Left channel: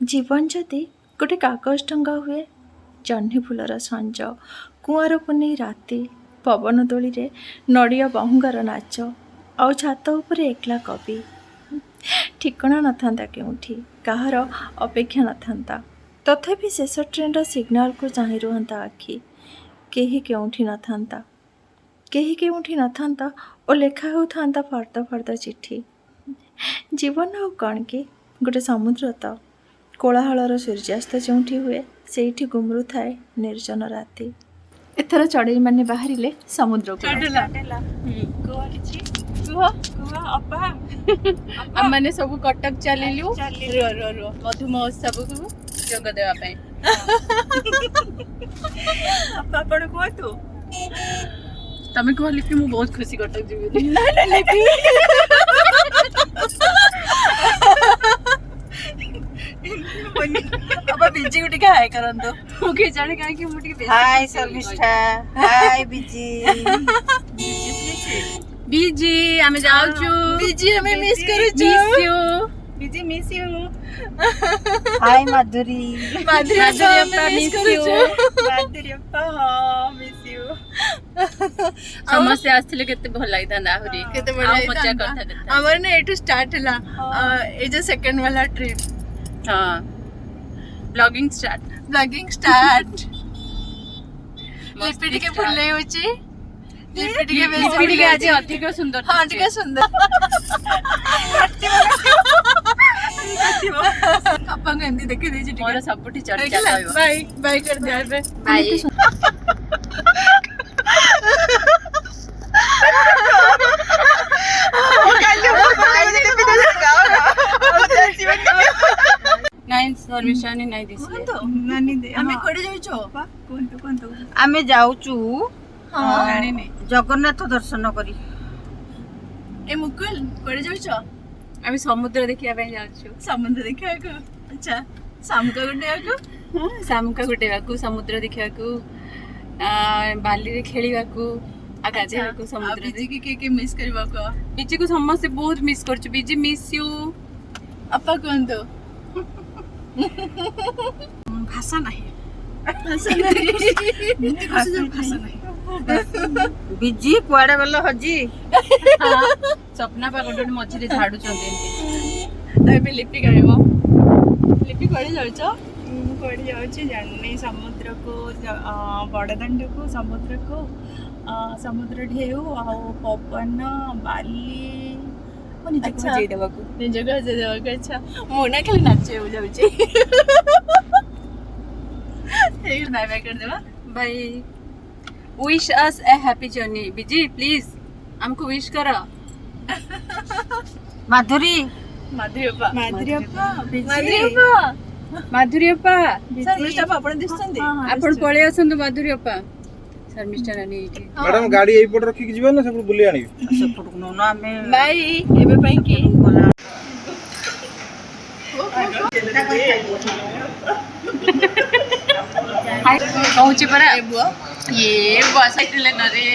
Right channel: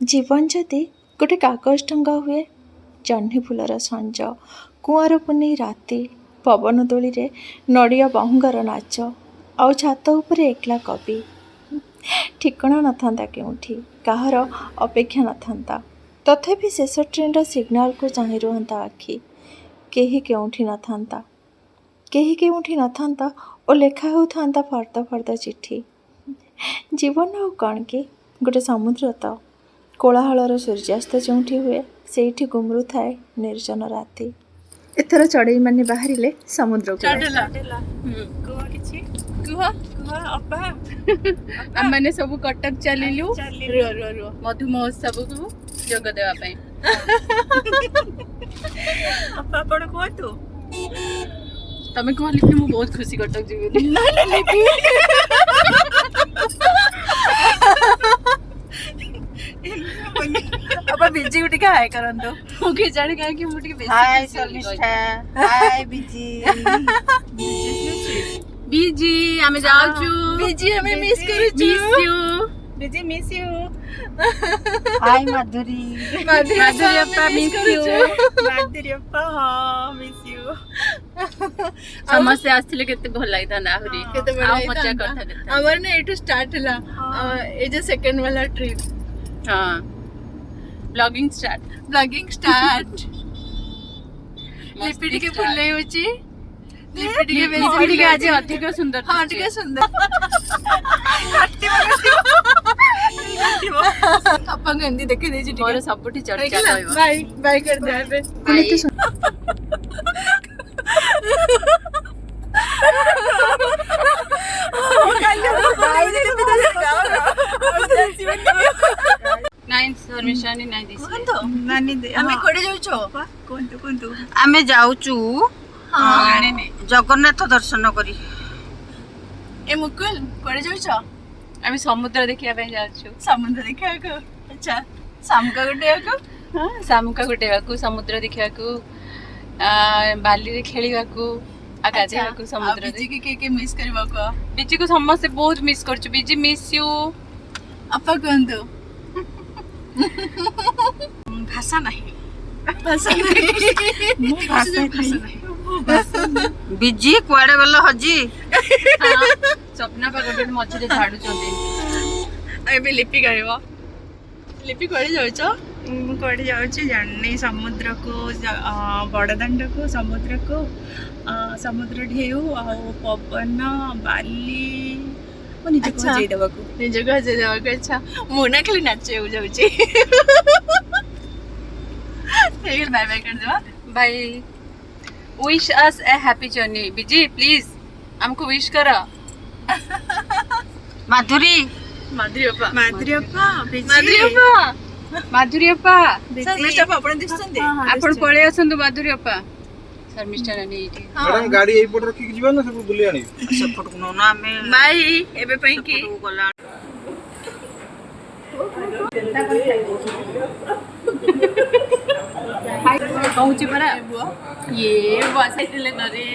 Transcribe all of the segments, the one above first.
जीवन जदि गोटे कागज टंगा हुए जह्नी फूलर संज कुआर पुनी राति पवन दोली रे नड़िया बहुंगार नाच आउ छात उपरे एकला कवि ठिकणा नथांता केउठी काहार अपेक्षा नथांता तथापि शेष ट्रेन सिग्नाल को चाहि रुहंता आखि केही केउठी नथांता केही केउठी नथांता और लेखा होता फर्द फर्द चिट्ठी जीवन आउ कण कि गोटे समुद्र तो कोलाहलर सूर्यास्त जोठी हुए से गुमरू थाए निर्जन राति एथर चढ़ई माने बाहरिले समुद्र मैंने सब कटक चलिलु मधु महोत्सव को जोग देवा पई आपण कहतु तमे कहली कि मु बहुत खुशी कटक जीवी अब बिजी उठी हाय करंतो मुके जाने का कि मुटी बेसी हाय शर्मिष्ठा हाय बिजी बीजी हमें जाऊ छु बिजी हमें मिस करू miss you busy miss you hi Madhuri Madhuri अप्पा मिस यू माधुरी अप्पा हां मिस यू समस्या आस्थिले केते भल लागिता ना आहुरी केते आ मजा करथा देता हमर ने एटू स्टार्ट हला ए जो सेकंड वाला ट्रिप हां ब्लॉगिंग स्टार्ट लिपिटी के फुले होची लिपिटी के आज अधिक सुंदर हां ठीक है सुंदर अपन गंदी देखि देछि ठीक मोर सबटी चर्चा कहबो बाय बाय कर दे बे नाइन सर्विसानी नहीं दिसी नानी दे हमें कोडे जाउ छो कोंतु आमे जाउचू हां जगन्नाथ दर्शन करी ए मुकुल कोडे जाउ छो आमी समुद्र देखिया पे जाउछु समुद्र देखिया को अच्छा सामका गुडे को हां सामका गुटेवा को समुद्र देखिया को बाली रे खेलिवा को आगाजे को समुद्र बिजी के मिस करबा को बीजी को समस्त बहुत मिस करछु बीजी मिस यू अपा कोंतु भाषा नहीं बिजी कुआडे गलो हजी सपना पर गोटे मझे झाड़ू चंदे एबे लिपि करबो लिपि कोडे जाउ छो मु कोडे जाउ छी जाननी समुद्र को बड़दांड को समुद्र ढेउ आ पवन बाली निजे को हजे देबाको अच्छा मु ना खाली नाचे हो जाउ छी एक बाय बाय कर देबा bye wish us a happy journey बीजी प्लीज हमको विश करो माधुरी माधुरी अप्पा शर्मिष्ठा आपण दिसछन्ते आपण पळे असंतु माधुरी अप्पा शर्मिष्ठा नानी एठी मैडम गाड़ी एई पट रखी जीवन ना सब बुली आनी सेपट को ना हमें बाय एबे पई की कहूची परा ये बसाइतले न रे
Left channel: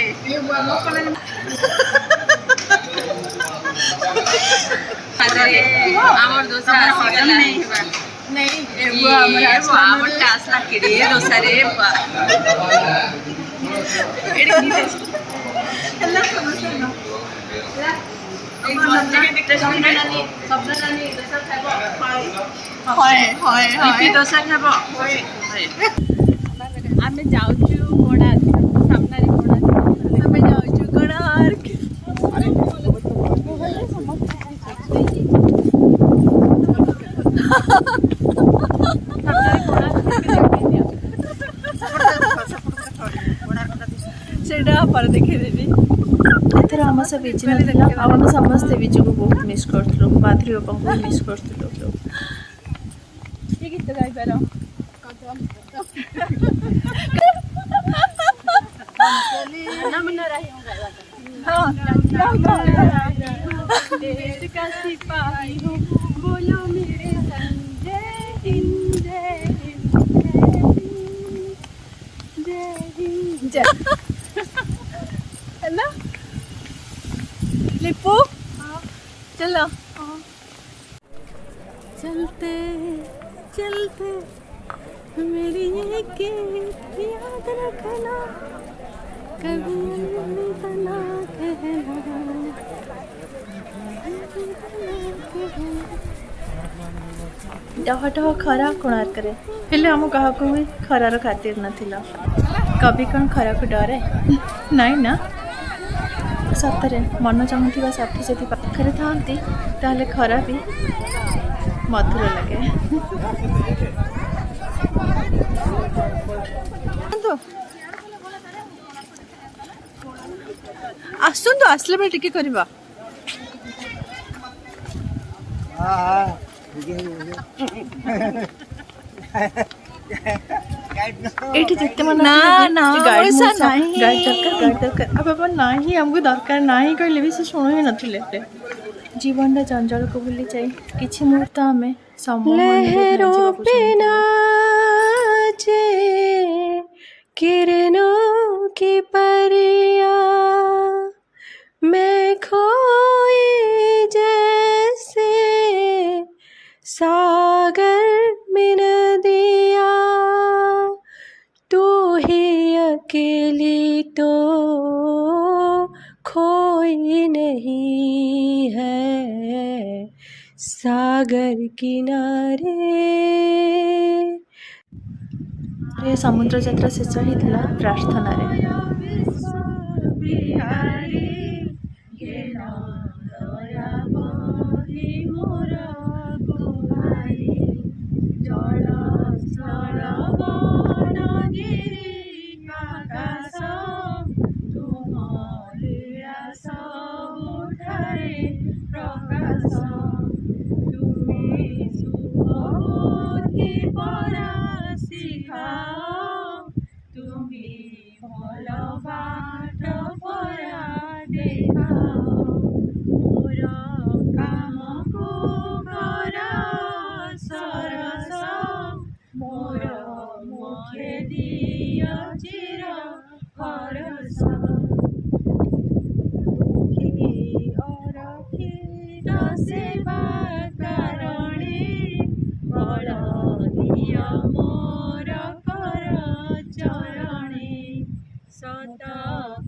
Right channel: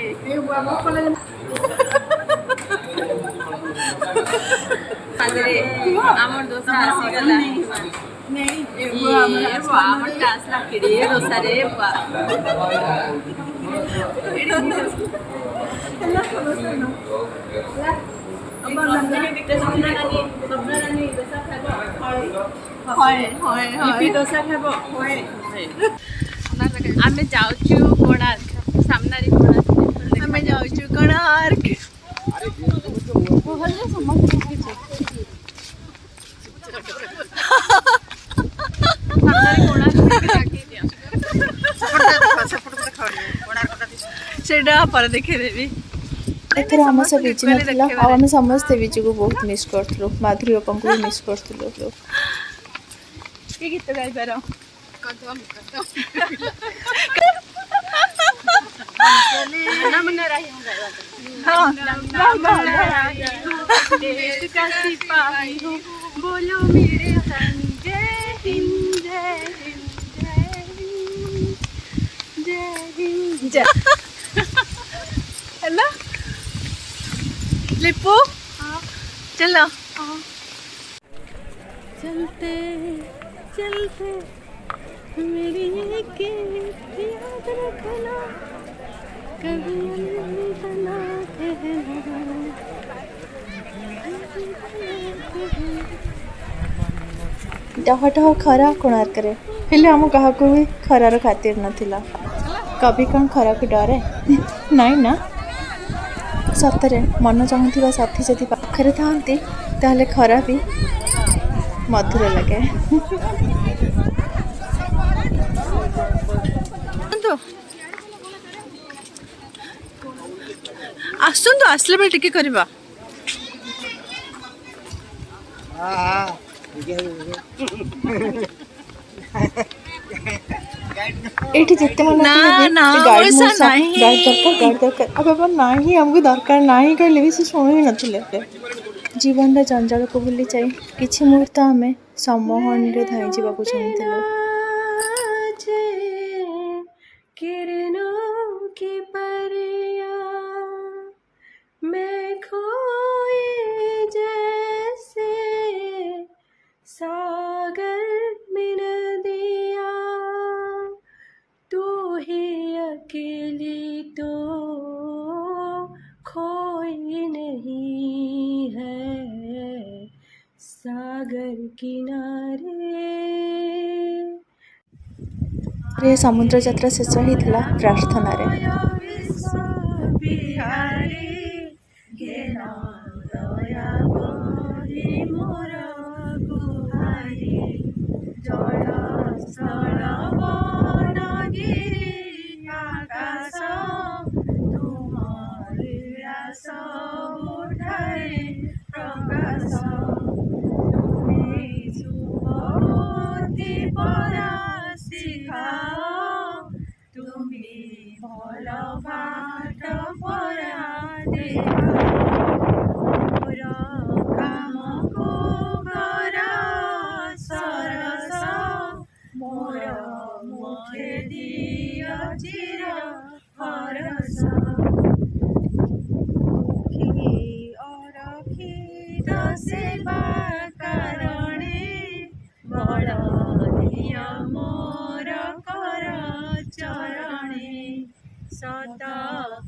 हमर दोसा आसी गला नहीं ये हमर टासला केडे दोसा रे बा लिपि दोसा खाबो आमे जाउछु कोणार्क सामना रे कोणार्क हमें जाउ छु कोणार्क भले समस्त सेटा पर देखे देबी एथर हम सब बिजी नथिला आ हम समस्त बिजी को बहुत मिस करथलो माधुरी अपन को मिस करथलो के गीत गाइ पारो ना मन रही हां देश का सिपाही हूँ बोलो मेरे संग जय हिंद जय हिंद जय हिंद जय हेलो लिपू चलो चलते चलते मेरी एक याद रखना कभी अलविदा ना डह डह खरा कोणार्करे हेले आम क्या भी खरार खातिर नथिला कभी कौन खरा को डरे नाई ना सतरे मन चाहूवा साथी जदि पाखरे थांती ताहले खरा भी मधुर लगे ଆସନ୍ତୁ ଆସିଲା ବେଳେ ଟିକେ କରିବା एठी जिते मन गाड़ी दरकार अब बाबा नहीं हमको दरकार नहीं कहले भी से शुणु ही नथिले जीवन जंजाल को भूली जाए किछि मुहूर्त आमे सम्मोहन रे धरि जीवाकू चाहूथिलु किरणों की परिया मैं खोई जैसे सागर में नदिया तू ही अकेली तो खोई नहीं है सागर किनारे रे समुद्र यात्रा शेष होता प्रार्थना रे सेवा कारणे बल दिय मोर कर चरणे सत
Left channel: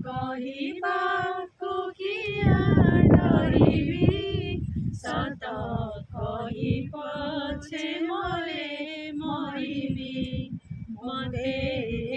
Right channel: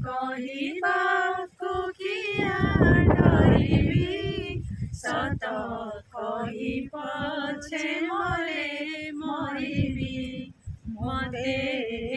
कहिबाकु किया डरिबी सत कहि पछे मले मरिबी मते